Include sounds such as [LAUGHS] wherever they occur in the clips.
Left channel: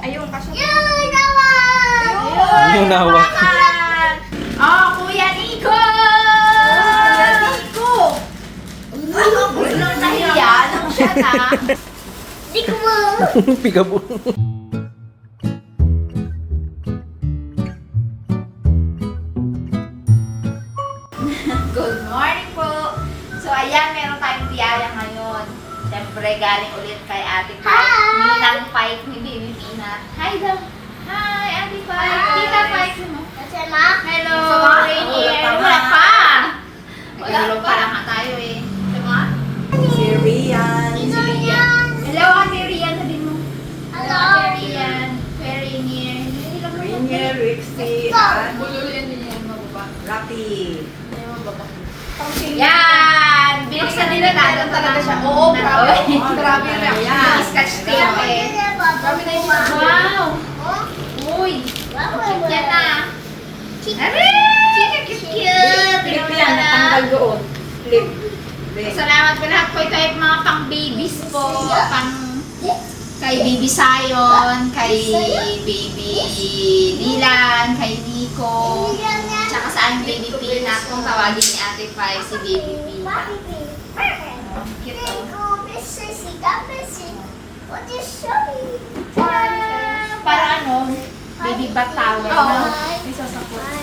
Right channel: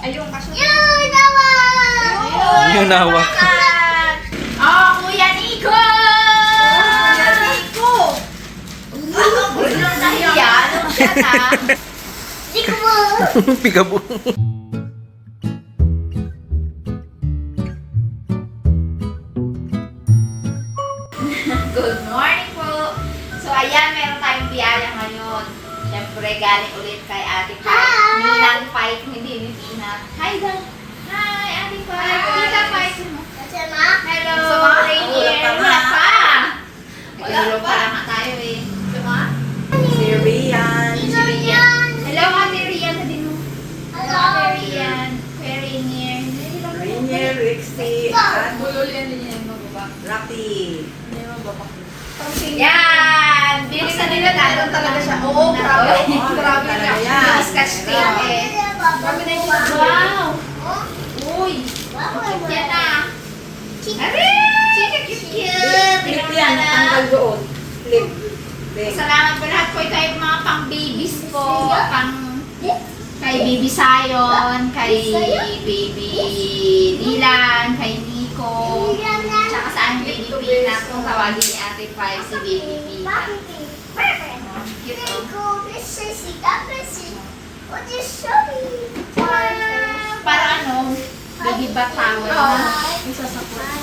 Ayun, kasya. Yun, nawa! Yun, nawa. Oh, Kuya Nico! Kuya Nico! Biglang nahiya. Ano siya na? Mo. [LAUGHS] Pigabo. Natin talaga siya. Oo, grabe. Grabe [LAUGHS] grabe na. yan. Scotch tape eh. Kami na Wow! Oh, Uy! Yan na. Chika. Chika, cute, cute. Clip yan, natanggal doon. Clip. Salamat po lahat po ito ay mga pang babies po. Pang kay Baby Sayon, kay Baby Dylan, kay Nico. Tsaka sa Baby Peanut, kung tawagin ni Ate Five si Baby Peanut. Parang ano, baby bat towel na.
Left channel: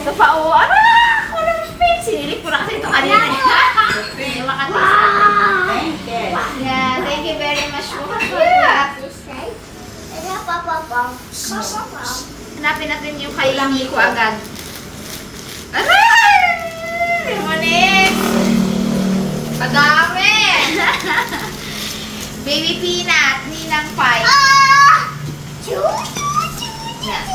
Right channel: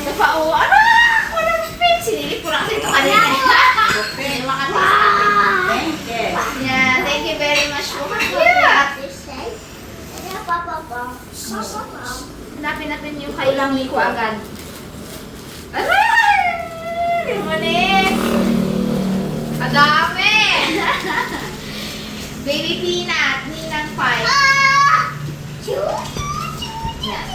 Ito pa, oh, anak! Walang space! Sinilip ko na kasi ito kanina. Makatest Yeah, thank you very much po. Hanapin natin yung kay Nico agad. Aray! Limonik! Padami! [LAUGHS] Baby Peanut, Ninang Pai. Yan.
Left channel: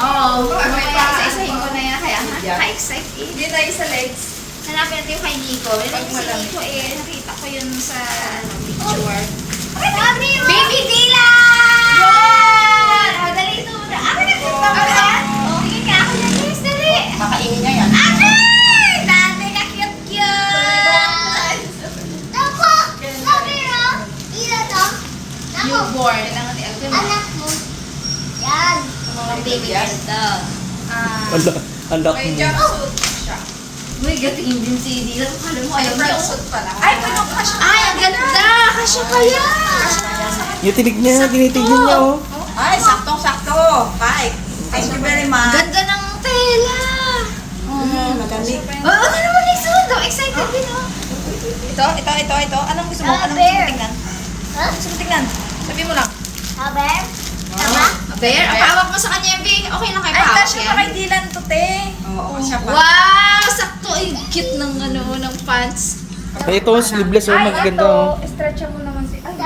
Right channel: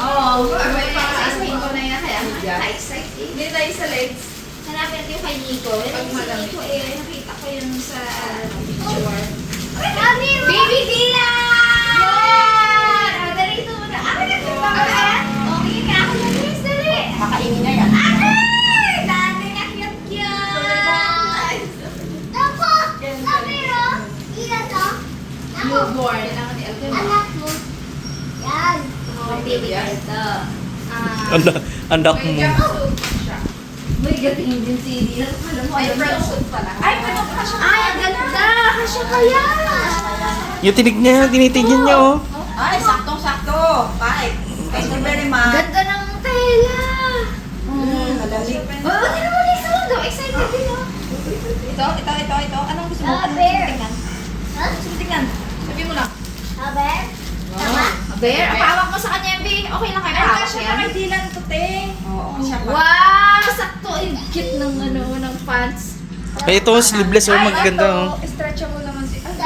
Oo, oh, isa-isahin ko na yan. Kaya ka-excited. Hindi tayo sa legs. Hanapin natin yung kay Nico. Meron si Nico eh. Nakita ko yun sa picture. Baby Dylan! Yun! O, dali ito muna. Ako na, ito ba ba yan? O, sige nga ako yan. Yes, dali. Kakainin Ah. Anda, andak mo. Uy, gatingin din si Dylan. Kala mo, ayaw niya. pala. Ay, paano ka kasya? Ay, ang ganda! Kasya kaya! Yung tinig niya, tinitignan niya, oh. Ay, saktong-sakto. Bye. Thank you very much. Ganda ng tela! Mm, Magaling. Oh, ano naman yung sundo? Excited din, oh. Ito, ito, ito, ito. Anong gusto mo? Ah, Anong gusto mo tingnan? Huh? Gusto mo tingnan? Sabi mo lang. Haber? Tama? Bear, ang hawak mo sa kanya, B. Okay lang kayo Ay, pahawak kasya yan. pa kay Dylan to, te. Oo, kasya pa. Wow! Sakto, ang cute ng ano, ng pants. Ay, ito, sleeveless, oh. Maganda, oh. Stretch mo naman. te. Ay?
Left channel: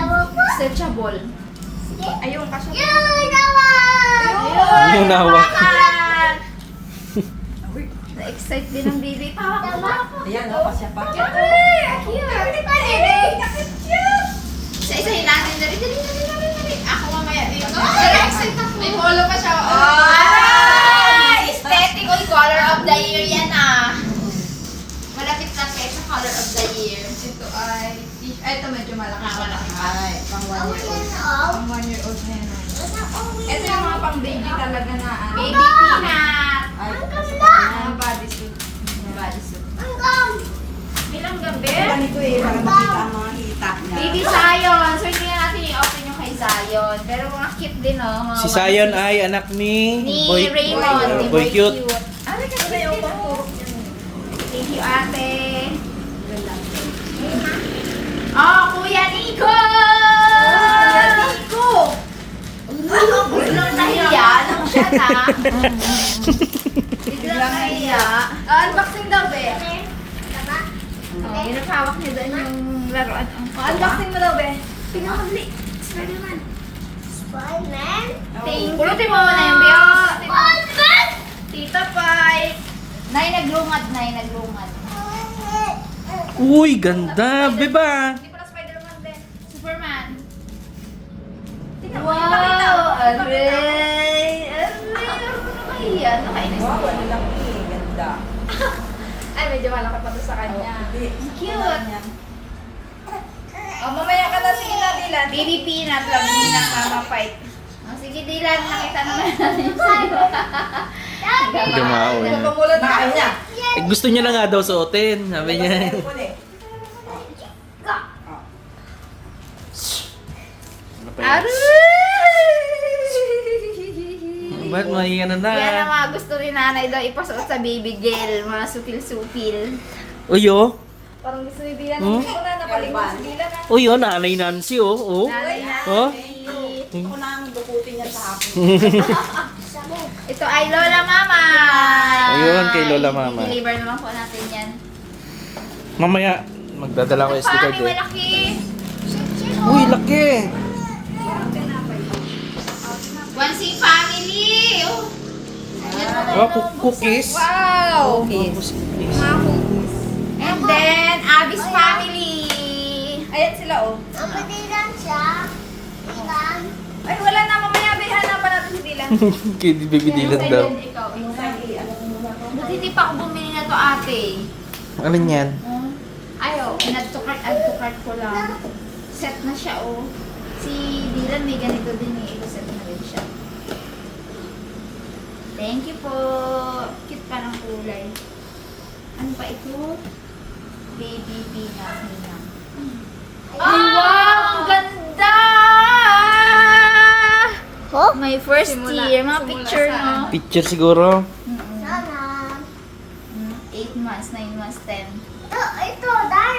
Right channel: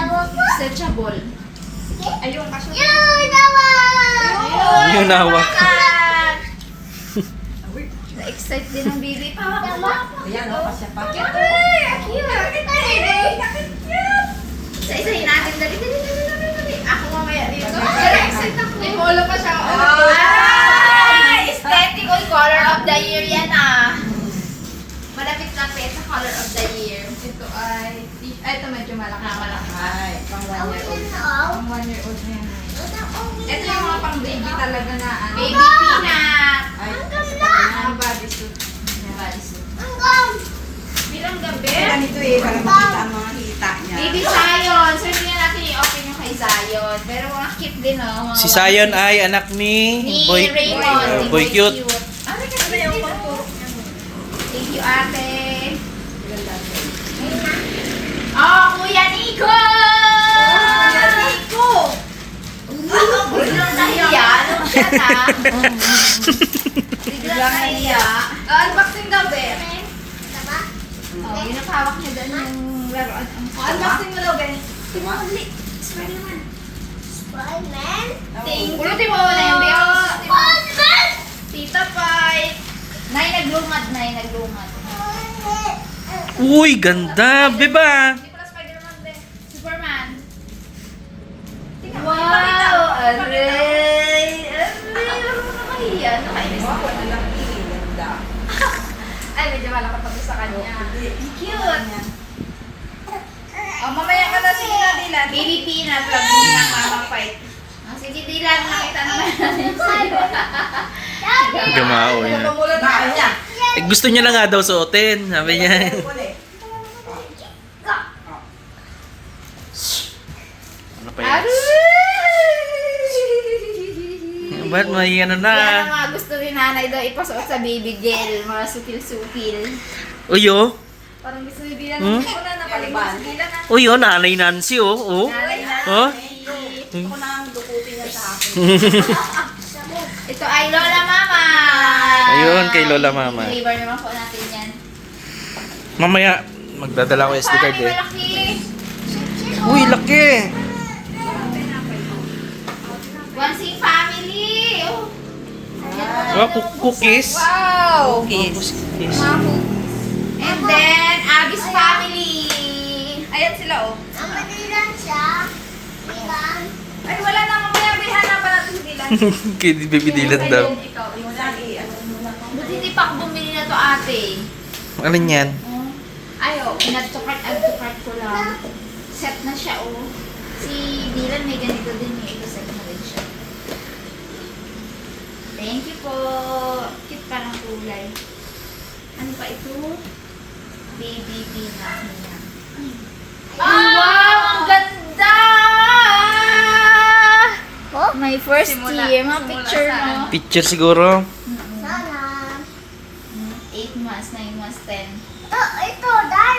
Stretchable. Ayun, kasya. Yun, nawa! Yun, nawa. [LAUGHS] Na-excite din ng baby. Pahawak mo? Ayan, oh, kasya pa. Cute, ay! Ang cute! Dali, dali, dali, dali, dali. Ako excite ako. May polo pa siya. Ay! Aesthetic. Uy, color of the year yan ah. Malapit-lapit sa color of the year. Ito ay... Ay, ito medyo malaki. Ah, malaki pa. Ay, pang one year old. Pang one year old na yan. Ito yung mga pang baby talaga na ano. Baby peanut. Ay, Ang ganda! mga bodysuit. Bodysuit. Ang gam! Bilang gabi. Ganito eh, para makita ang mga hita niya. Baby Zion. So, hindi na natin i-open yung kay Zion. Pero mga cute din, oh. Mga Si piece. ay anak ni Ni Boy, Raymond. uh, ni Boy Cute. Ah, may cute din, oh. Thank you, ate. Oh, Kuya Nico! Kuya Nico! Biglang nahiya. Ano siya na? Biglang nahiya. Oh, unboxing daw, be. Tama? Oh, yun ang hawak niya doon yung laruan. Oh, unboxing mo daw, be. Dali. Spider-Man. Spider-Man? Thank you. Mo muna yung be. Oh, Spider-Man! Tita Pai. Nay, naglungat, Nay, naglungat. Uy, ganda. Beba. Hindi pala Spider-Man, be. Superman. Tingnan mo. Wow! Aray! Aray! Ano na mahiya? Nakainis Wow, ako. malaki. Ganda. [LAUGHS] Ay, medyo malaki pa to sa kanya. Cute! Mamaya ka na niya ng mama fight. Ah, sige, Dylan, nakita naman natin sa'yo. [LAUGHS] Gamao Ano niya. na kanya? Eh, gusto niya lang nga daw suotin. Sabi niya. Ano pa yan? [LAUGHS] Ba't may ano na? Yan ang mga gusto ni nanay daw ipasuot sa baby gel, mga supil-supil. Uyo. Parang gusto ni Dylan. Hmm? Ako na Dylan. ah. Uyo, nanay Nancy oh. Oh. Oh. Ako na ang dukutin niya sa akin. [LAUGHS] Ito ay Lola Mama. Ayun, kay Lola Mama. I-deliver naman po natin yan. Mamaya, magdadala ko SD card eh. malaki? Uy, laki! Wansing family. Oh. Mo Wow, cook- cookies. Wow. Cookies. And then, Abby's family. Ayan sila oh. Mama, dilan siya. Dilan. Ay wala na mamaya. Bay, hanapan natin si Dylan. [LAUGHS] Kay Baby Dylan daw. Lagi. Ano? Buti hindi pa ako bumili na to ate. Ano yan? Ayo, add to cart, add to cart ko lang. Set na siya, oh. Si Dylan may ganito din, may i-set na rin siya. Thank you po. Cute pa ng kulay. Ano pa ito? Baby Pina. Pina. Ay, wow! Ang ganda! Oh? My first Simula- year. Mga simula picture, saan? no? Picture siguro. Sana. 8 months, 9 months, 10. Oh, ito.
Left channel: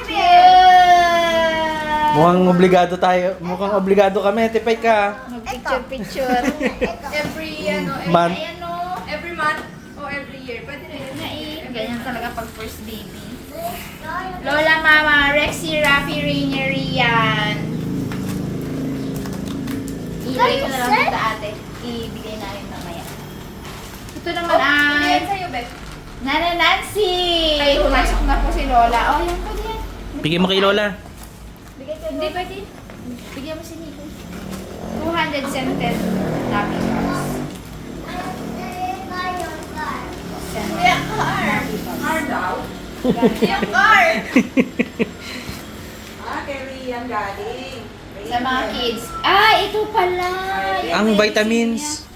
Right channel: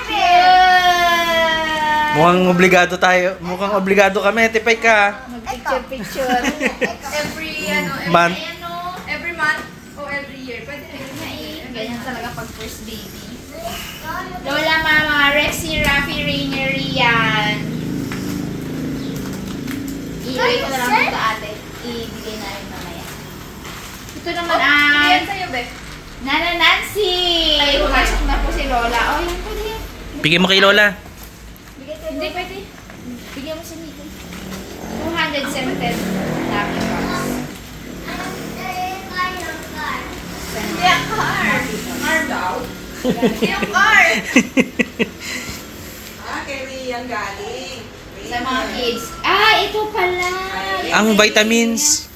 Yeah! Mukhang obligado tayo. Mukhang obligado kami. Tipay ka. Mag-picture-picture. [LAUGHS] Every ano, every, Month. Ayan, no? every month o every year. Pwede rin. Na ganyan talaga pag first baby. Lola Mama, Rexy, Rafi, Rainier, Rian. Ilagay ko na lang dito ate. Ibigay namin mamaya. Ito naman ay Ayan sa'yo, Beth. Nana Nancy. Ay, pumasok na po si Lola. Oh, yan pwede yan. Bigay mo kay Lola. Bigay ko. Hindi, pwede. Bigyan mo si Nico. 200 scented namin box. Yan, car. Car daw. Yan, car. Ah, kay Rian galing. Sa mga kids. Ah, ito pala. Ang vitamins.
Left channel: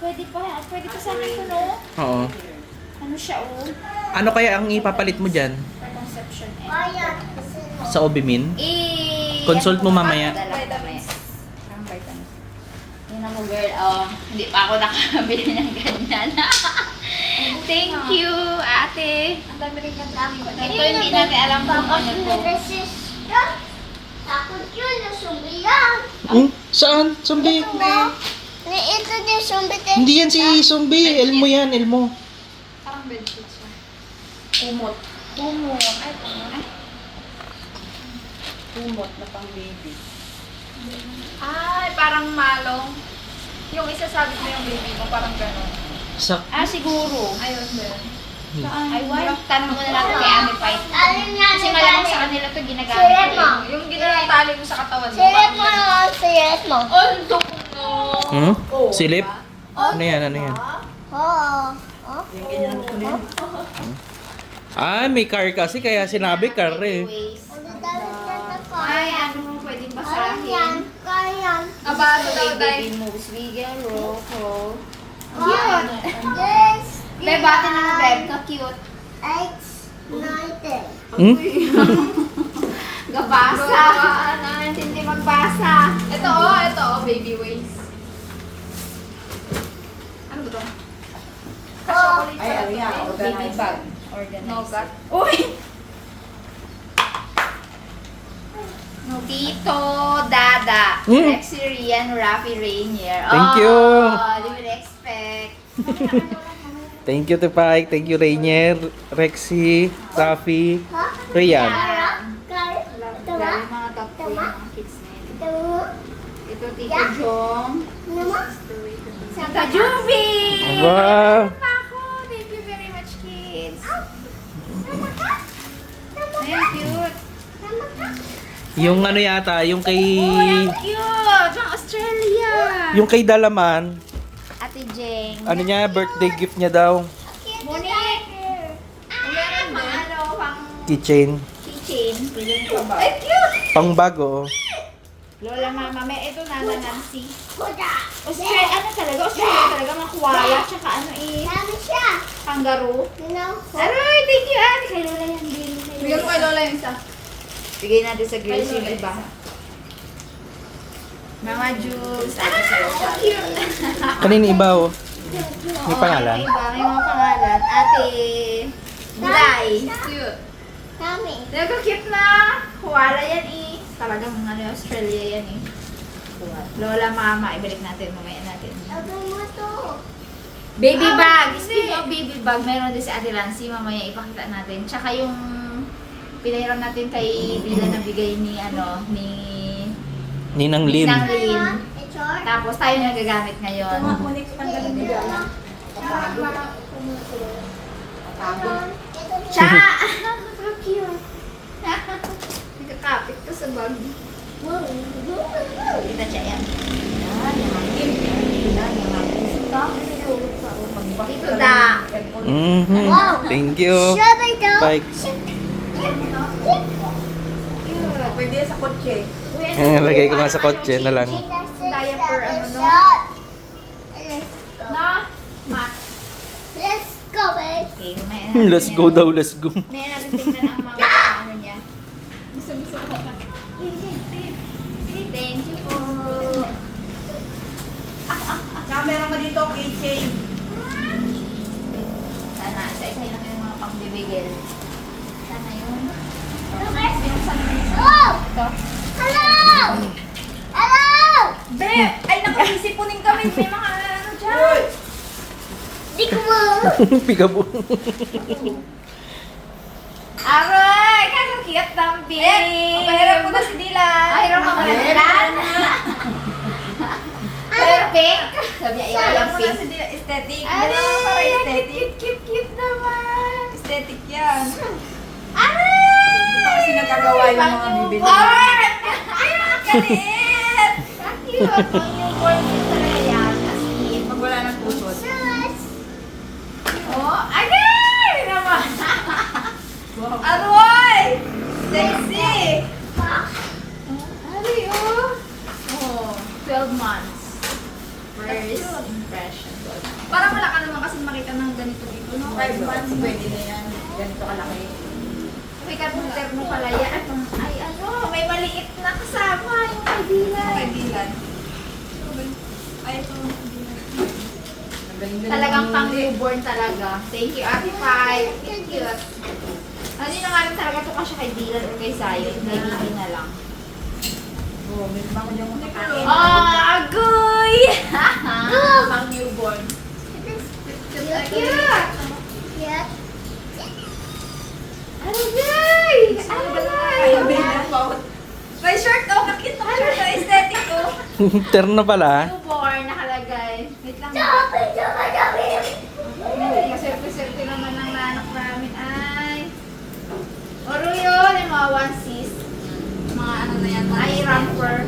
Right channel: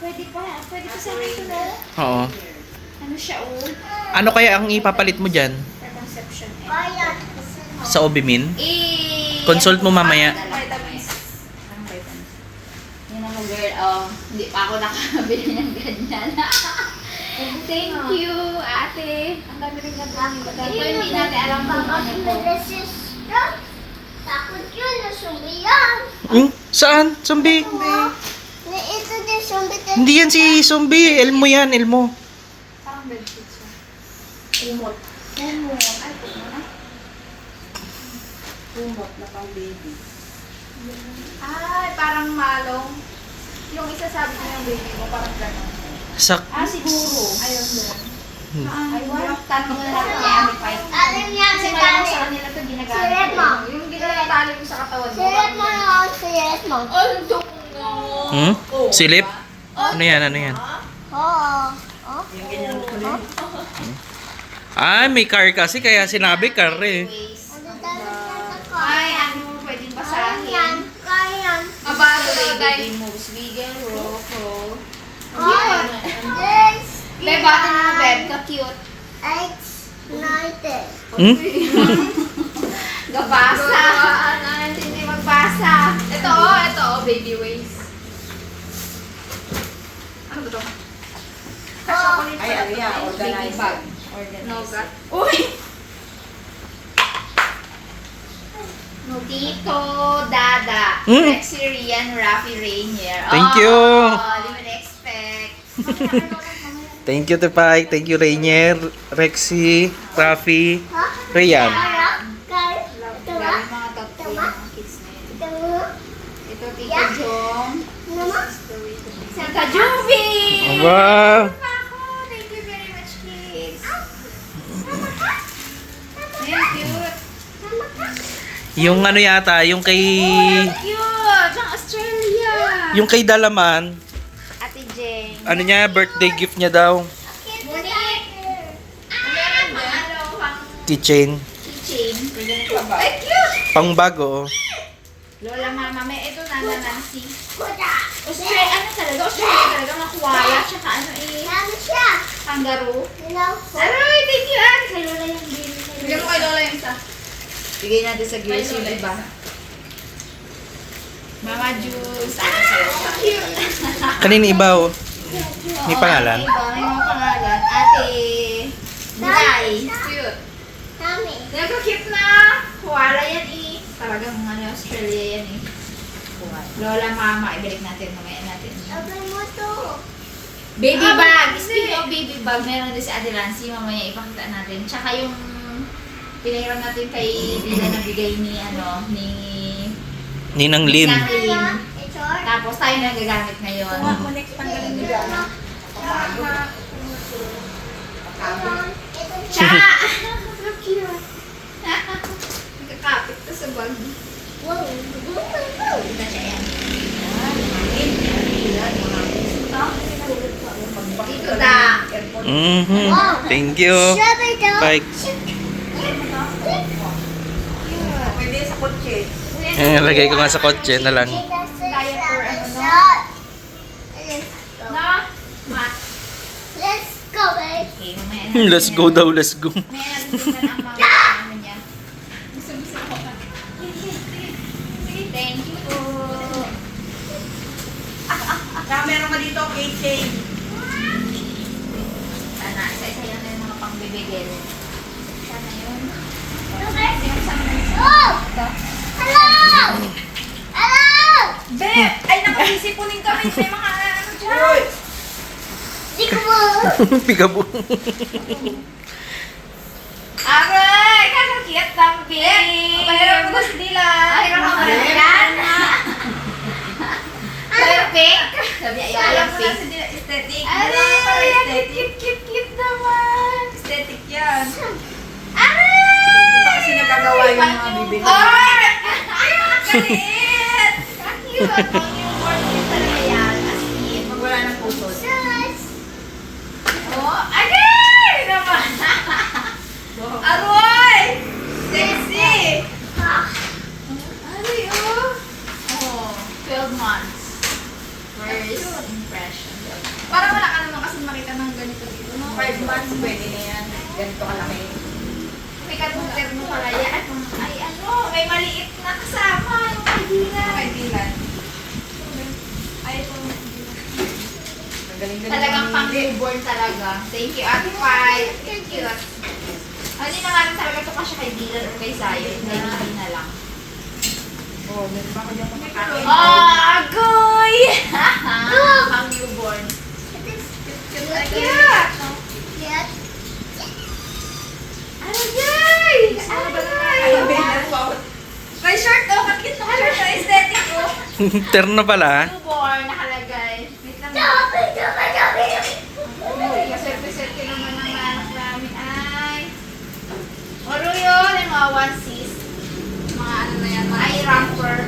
Pwede pa, pwede pa sa akin ito, no? Oo. Ano siya, oh? Ano kaya ang ipapalit mo dyan? For conception. Eh. Sa Obimin? Eh, Consult mo mamaya. Ang vitamins. Yun mo, girl. Oh, hindi pa ako nakabili ng ganyan. [LAUGHS] Thank you, ate. Ang dami rin na Ito hindi natin alam kung ano to. Takot yun na sumbiyan. Hmm? Saan? Zombie? Ito din sumbiyan. Hindi yan si Zombie. Elmo yan, Elmo. Parang bedsheet siya. Kumot. Kumot. Ay. Kumot na pang baby. Ay, parang malong. Yung isa sabi mo yung baby mo, parang gano'n. Sa... Ah, siguro. Ayun din. Ay, wala. Tanong mo na natin kay Ate Pai. Alam niya Kasi si malamang sa kanila ito ginagamit. Sirep ko. mo. Yung ginawang tali mo sa katawan mo. Sirep mo lang, sirep mo. Oh, no. Hmm? Oh, Silip? diba? Ano yan? Ano yan? Oo. Oh. Ay, may car kasi kaya sinabi car eh. Anyways. Ay, ano, pwedeng Ayan, basahin. kaya. Abado The na way tayo. baby moves, wiggle, roll, roll. Oh, this Beb, batin mo, Beb. Ka-cute. X, nineteen. Hmm? [LAUGHS] Gabasa. Hindi magbasa. Ito oh, ito oh, baby waist. Ano ba ito? Ay, to. organizer. Baby bag. Nougat. Uy! [LAUGHS] Tito, Dada, Mm. Rexy, Rian, Rafi, Rainier. Thank oh, you. Na-expect. [LAUGHS] Thank you, Tepay. Thank you, Rainier, Rexy, Rafi, yun. Ito Tito Jong. Si Kajubi! Wow! Thank you very much, kids. Ayun, cute. Yung ano yata, yung kay... Cute! Pang Australia! Yung kay Dalaman. Ano niya, birthday gift niya daw. Keychain. keychain. Cute! Pang bago. Lola Mama, may ito na na Nancy. Kuda. Australia, ano koala, tsaka ano eh, Ano siya? kangaroo. Aray, thank you, Ate. Kay Lola lang din. Bigyan mo kay Lola yung isa. Bigay natin sa girls yung iba. Mama Juice. Ah, [LAUGHS] Kanina iba oh. May pangalan? May mga pangalan. Ate Bulay. Cute. Dami. Nagka-cute na. Koala yan eh. Talagang ano, Australia yan eh. Lola, mama. Ibalik natin. Mamaya natin. Sabi mo to. Baby bag. Speaking of baby bag, meron din si Ate Lancy. Mamaya ipakita natin. Tsaka yung pinahiram natin kay Dila na bigay ni ano, ni Ninang Lin. Nang Lin. Ito. Tapos tayo na nagagamit ngayon. Ito Cha! [LAUGHS] siya. Cute. Nakakapit to sa bag. Wow. Kita siya yan. Ito da. Mhm. Thank you. Bye. Eh, lagay ko nga sa kotse na lang. Diaper, ano, no? No? Ma. Let's go, babe. Okay, mamaya [LAUGHS] Hmm, Let's go daw, let's go. Mamaya natin tingnan ang mga [LAUGHS] ano niya. Gusto-gusto ko na. Sige, thank you po. Kaya meron ka dito, keychain. Sana, isa-isa lang yung mga pangbibigil. Sana yun. Okay, yung sama na yun. Oh! Ito. Hello! Be! Ay, nakasisipunin kami sa mga ano dyan. Mo. Pigabo. [LAUGHS] Aray! Kakakiyat ng babe! Pahiram mo si Dila. Ay, hirap ako na yan. Perfect! Sabi niya, ayaw mo na pink. si Dila, aesthetic. Aray! Cute, aesthetic. cute, cute, cute naman! Aesthetic yan. Aray! Kasi nagkagawa yung mga bibili. Ay! Galit! Months. First impression. Parang wala ka naman kasi makita ng ganito dito. No? 5 months, pwede yan. Ganito kalaki. May kabuter mo pala yan. Ay, ano, may maliit na kasama yung Talagang ng pang hindi. newborn talaga. Thank you, Ate Pai. Thank you. Ano hindi naman talaga ito kasi kay Dylan or kay Zion. Dylan na lang. Oh. Oh, agoy! [LAUGHS] pang newborn. Cute! Yes. Agoy! Agoy! May shirt oh, bakit na shirt na aesthetic ko? Terno pala. Newborn nakalagay. Wait lang. Sabi, sabi, sabi. Ay, kaserpe-serpe naman ng anak namin. Ay. Oro yun, yung mga one sis. Mga ano na yan, Ay, ramper.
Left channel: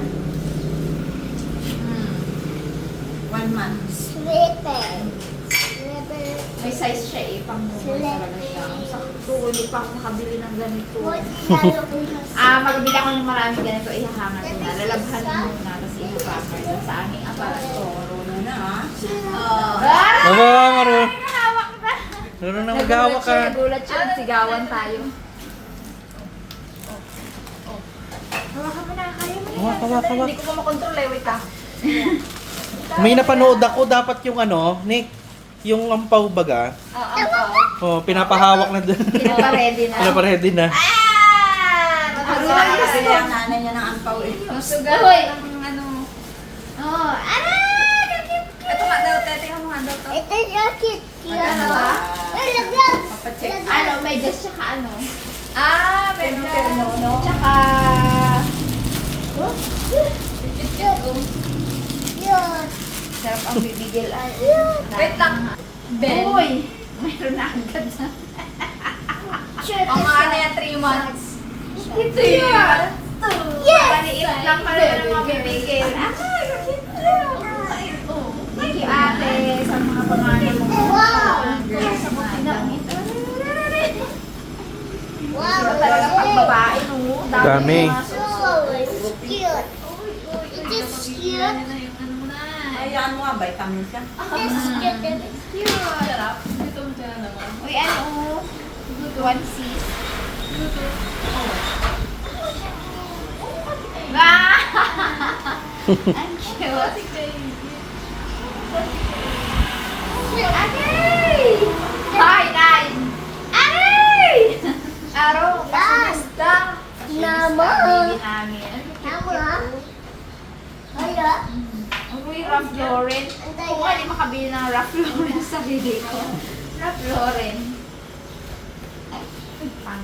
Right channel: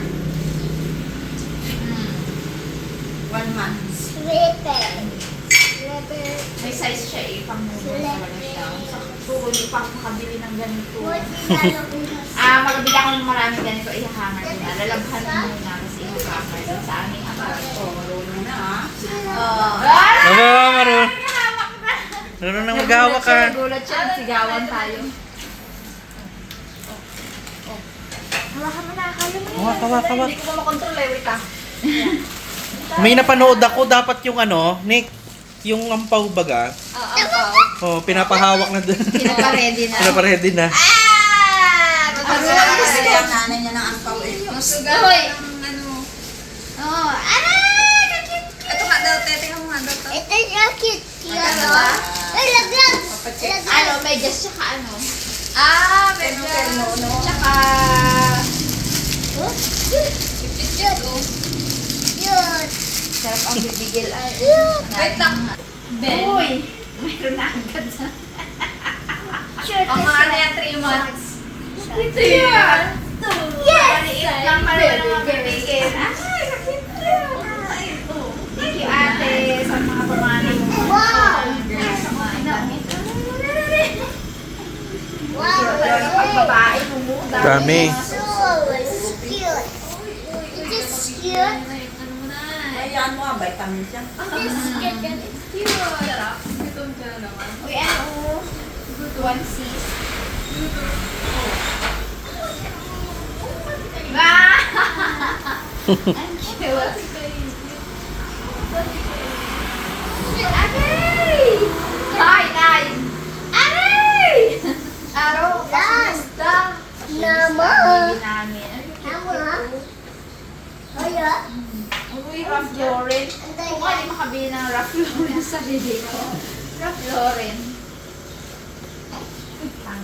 Mm. One month. Slipper. Slipper. May size siya eh, pang newborn talaga siya. Hindi pa ako makabili ng ganito. [LAUGHS] Ah, magabili ako ng marami ganito, ihahangan ko na. Lalabhan mo muna kasi ihahangan ko sa aming aparato. Marunong na ha. Oh. Aba, marunong. Hawak na. Marunong mag-hawak ka. Nagulat siya, sigawan tayo. Hawakan mo na, kayo na. Hawak, hawak, hawak. Hindi ko pa makontrol eh, wait ah. May napanood ako, dapat yung ano, Nick, yung ampaw baga. Ah, ang pao. Oh, pinapahawak na dun. Pinaparedy na. [LAUGHS] Pinapaready na. Ah! Matagal Kasi ang nanay niya ng ampaw eh. Ang sugal ano. Oh, ah! Kakit! Ito nga daw, te, tingnan mo nga daw to. Ito yung cute. Cute. Ano ba? Ay, lagyan. Papacheck. Ano, may just tsaka ano. Ah, no? Tsaka... Oh, Cute, oh. cute. Sarap ang bibigil. Ay, Cute. Wait lang. Uy! Mayroon na agad sa... Cute. Ang mga ano yan, 3 months. Ito yan! Yes! Maliit lang pala ng mga bibigil. Ay, kakit Thank you, ate, sa mga pamana mo. Wow. Wow. Talaga pag babae, no? Dami. Cute. Is cute. Ayan mo nga, bay. Vitamin siya. Sarap. Gutom 1, 6. Ah! [LAUGHS] Ang cute. Aray! Hi, nine. Aray! Araw, kamusta? Naman. Naman. Wala. Mm. Uy, Ralph Lauren. Kung hindi makabili ng Ralph Lauren sa bibig ko. Ralph Lauren.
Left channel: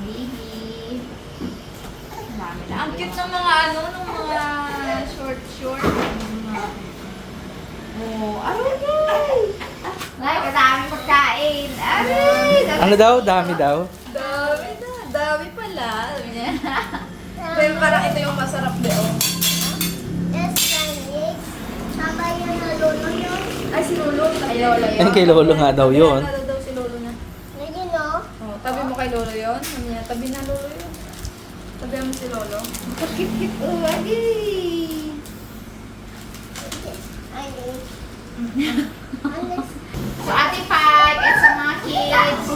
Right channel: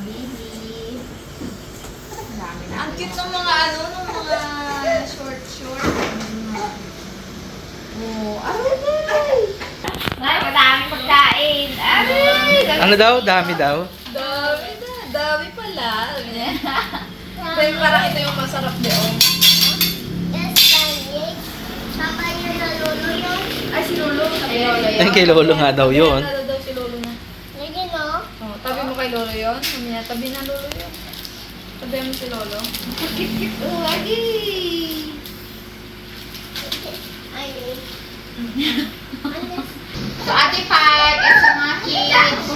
Pangili. Ang dami na. Ang cute ng mga ano, ng mga short short. Oh, aray, nay! Nay, kadaming pagkain. Aray! Ano daw? Dami daw? Dami na. Dami pala. Pero parang ito yung masarap de oh. Na. Ay, si Lolo. Ay, Lola yun. Ay, kay Lolo nga daw yun. Ay, daw si Lolo na. Yun no? Oh, tabi mo kay Lolo yun. Mamaya, tabi na Lolo yun. Tabi mo si Lolo. Kit-kit. Agi! Ayun. So, Ate Pat, at sa mga kids,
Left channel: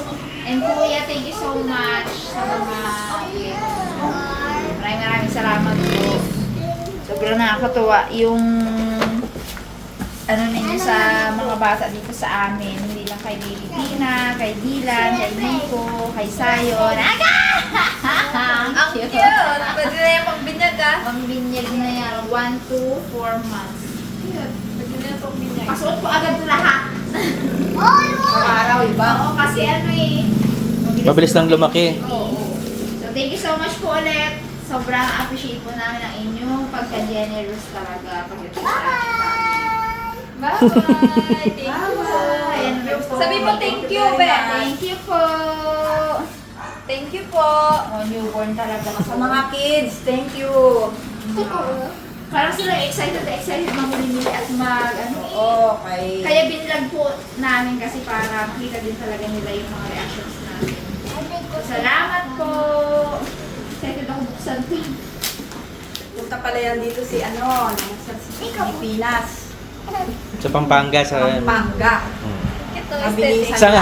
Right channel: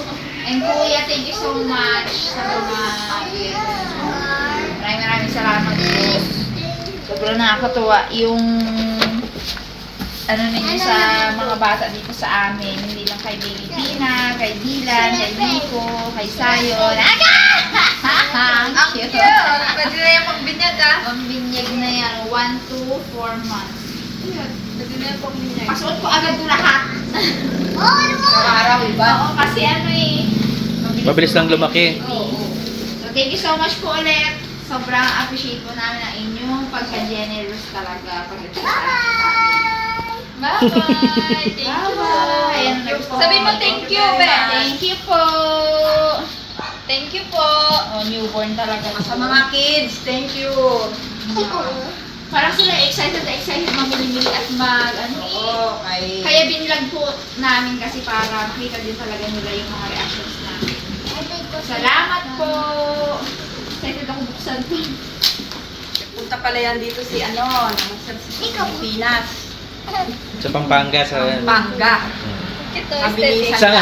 and Kuya, thank you so much sa mga Maraming maraming salamat po. Sobrang nakakatuwa yung ano ninyo sa mga bata dito sa amin. Hindi lang kay Baby Tina, kay Dylan, kay Nico, kay Sayon. Aga! Ang Ang cute. Pwede na yung pagbinyag ah. Ang binyag na yan, 1 to 4 months. Pwede na yung pagbinyag. Pasuot ko agad ito lahat. [LAUGHS] Oh, ano mo? Araw, iba? Oo, kasi ano eh. Mabilis lang lumaki. Oo. So, thank you so much po ulit. Sobrang appreciate po namin ang inyong pagka-generous talaga. Pagdating Bye-bye! Thank you. Na po. Sabi mo thank you, Be. Thank you po. Thank you po. Oh, newborn talaga. Sa mga kids, thank you. Parang sila excited na excited mamili at mag, ano eh. Oo, kay... Kaya binilag po namin kasi para makita din talaga nila yung mga reactions namin. Salamat po. Excited ako buksan to. Punta pala yan dito si ano, namasyal sa Pilipinas. Sa Pampanga, sa... Pampanga. Ito, aesthetic. Isang,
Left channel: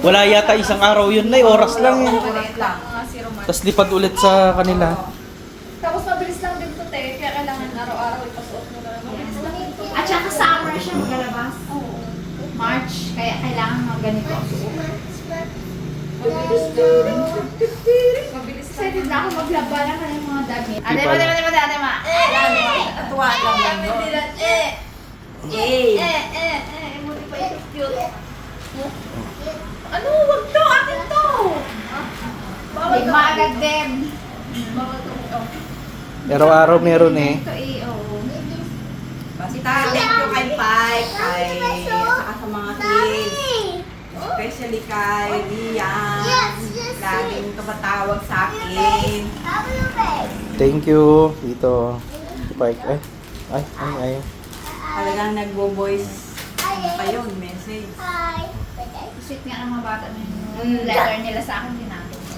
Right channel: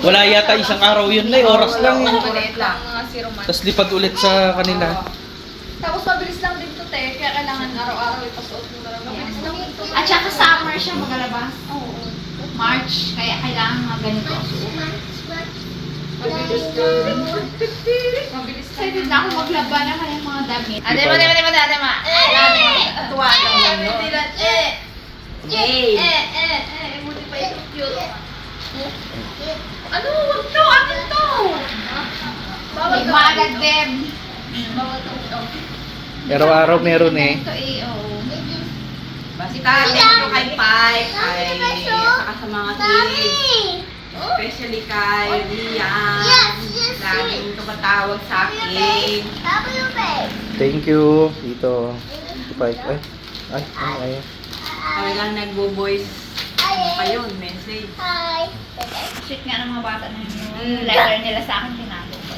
wala yata isang araw yun na oras lang eh. Oras lang. Mga. Tapos lipad ulit sa kanila. Tapos mabilis lang din to, te. Kaya kailangan araw-araw ipasuot mo na lang. Mabilis lang din to. At saka summer siya magalabas. Oo. March, kaya kailangan mga ganito ang suot. Mabilis lang. Mabilis lang. Excited na ako maglaba na kanyang mga damit. Adema, pa- adema, adema, adema. Eh! Tuwa lang no? Dilan, eh! Yay! Eh, eh, eh. Buti pa ito cute. Ano? Wag to! Akin to! Bawal to. Bawal to. Oh. Araw-araw meron eh. Ito eh, oo. Basta thank you kay Pai, kay saka sa mga kids. Especially kay Lian. Laging tumatawag sa akin. Thank you, Tito. Spike. Ay, ay, ay, ay. Talagang nagbo-voice ano pa yun, message. Hi. Sweet nga ng mga bata na yun. Yung letter nila sa akin, tinapos ko.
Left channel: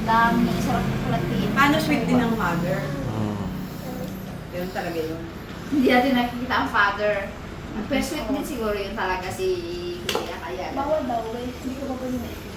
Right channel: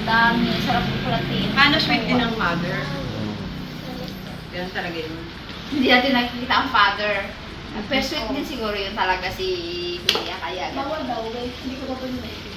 Ang dami. Sarap ko pala tingin. Kano sweet din ang mother. Hmm. Ganun talaga yun. Hindi natin nakikita ang father. Ang pero sweet din siguro yun talaga si Kuya kaya. Bawal daw, wait. Hindi ko ba ba yun